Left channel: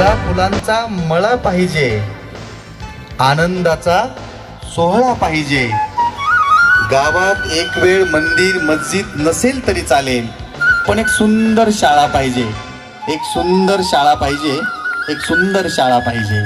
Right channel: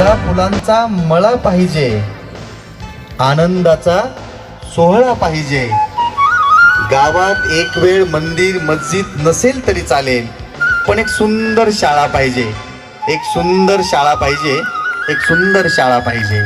त्या फुलांचा मळा पाहिजे. आनंदाचा सोहळा पाहिजे. गावात एक वेळ मंदिर मस्जिद नसेल तरी चालेल पण एक सुंदर शाळा पाहिजे. एक सुंदर शाळा पाहिजे एक सुंदर शाळा पाहिजे.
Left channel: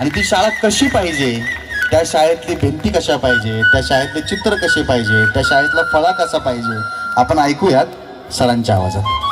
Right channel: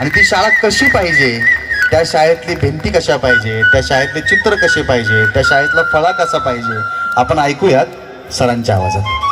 आणि ती शाळा कशी पाहिजे? त्या शाळेतली भिंती कशा पाहिजे? त्या शाळेतले चित्र कसे पाहिजे? त्या शाळेतला फळा कसा पाहिजे? आपण ऐकूयात सरांच्या आवाजात.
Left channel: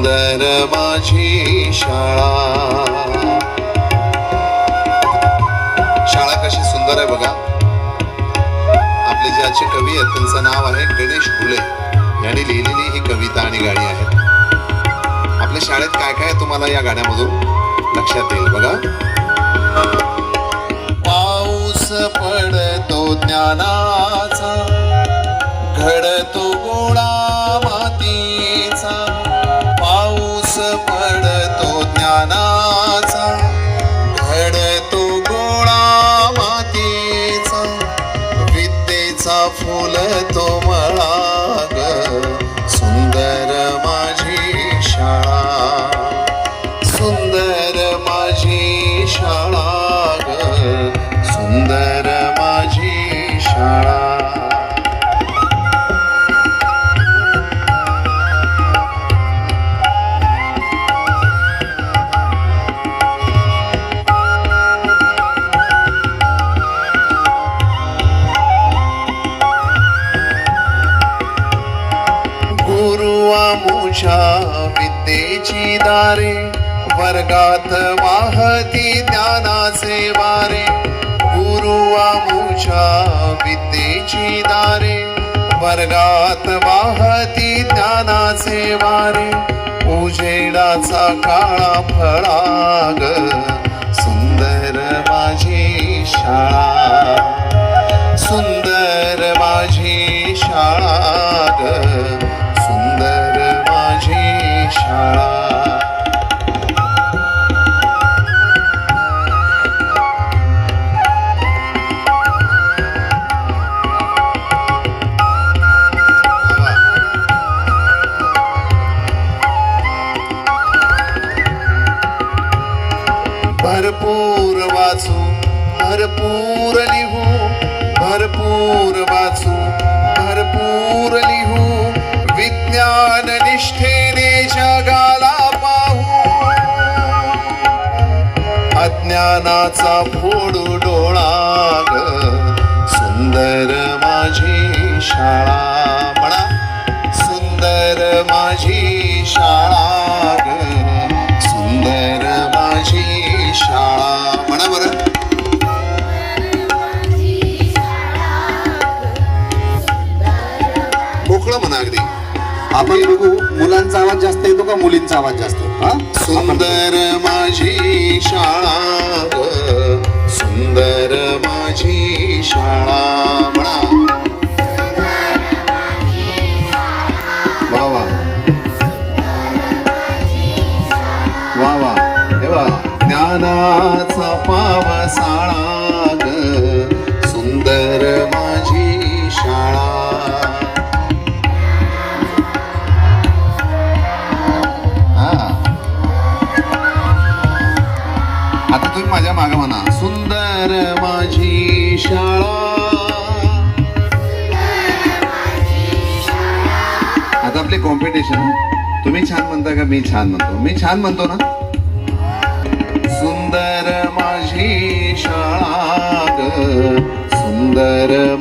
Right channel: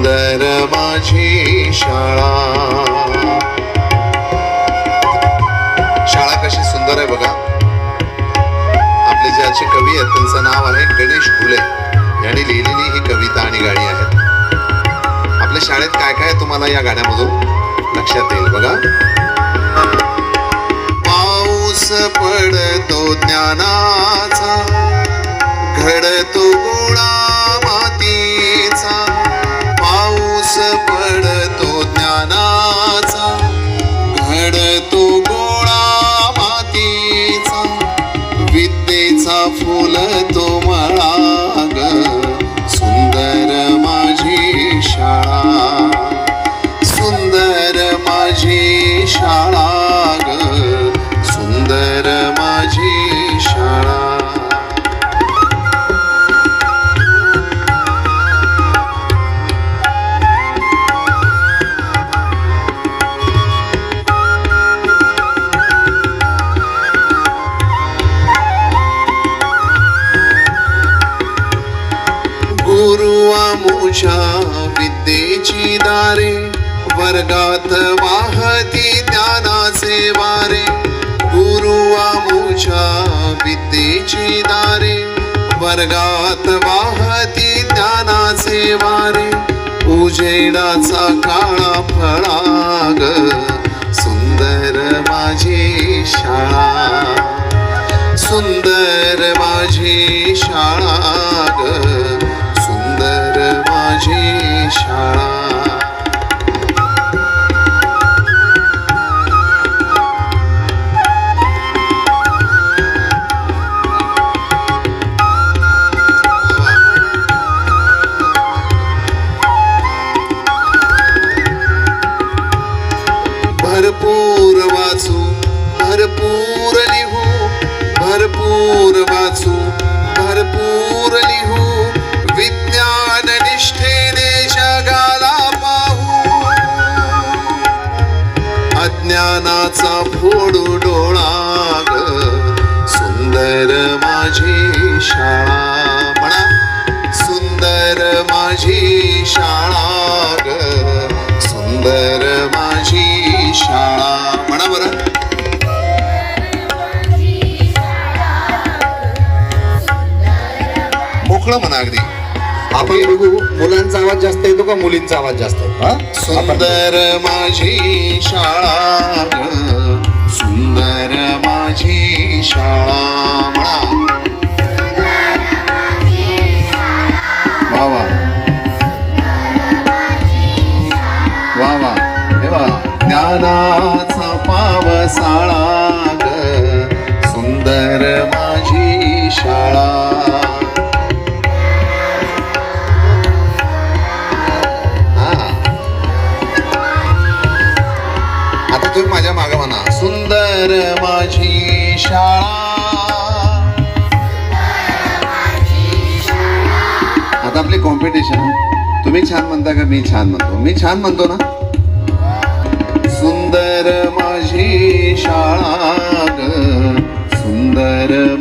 सुंदर माझी शाळा. शाळा कशी सुंदर आहे बघा. आपले ज्याचे कवी आहेत त्यांचं नाव आहे गणेश फुले. यांनी लिहिलेली ही कविता आणि गाणी आहेत. आपल्या शाळेत काय काय तुम्हाला या गाण्यामधून? लक्षात येईल बघा. पाऊस पडतो ज्ञानाचा. घडतो विद्येचा गुरुवामुषा विद्येची दारे वर्गात वाहती ज्ञानाचे वारे गुरुवामुषा विद्येची दारे वर्गात वाहती ज्ञानाचे वारे उजेडाचा काळा फळाग सुंदर माझी शाळा. सुंदर भरपूर वाचू भरपूर लिहू. विज्ञान निष्ठेने जगाला पाहू. अज्ञानाचा फोडू डोळा ग सुंदर माझी शाळा म्हणा. सुंदर माझी शाळा मोकळं म्हणा अगदी. आपण बघू मुलांचा आवाज जास्त येतो का मुलींचा आवाज जास्त सुंदर माझी शाळा सुंदर माझी शाळा वा वा. वा ज्ञानाचा मागा म्हणा सुंदर माझी शाळा. आता आपले कॉम्पिटिशन तुम्ही छान म्हणता का मी छान म्हणतो? मी छान म्हणतो ना? सुंदर माझी शाळा सुंदर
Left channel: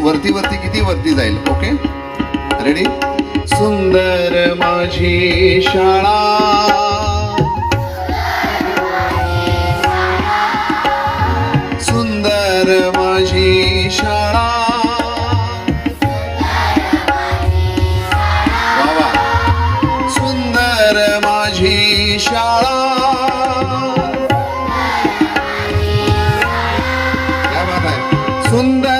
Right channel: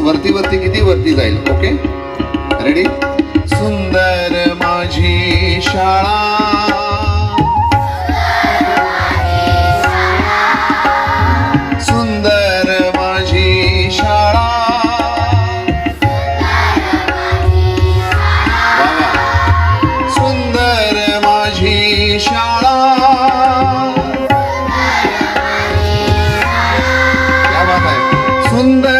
वरती वरती किती वरती जाईल? ओके रेडी सुंदर माझी शाळा. सुंदर माझी शाळा. सुंदर माझी शाळा. सुंदर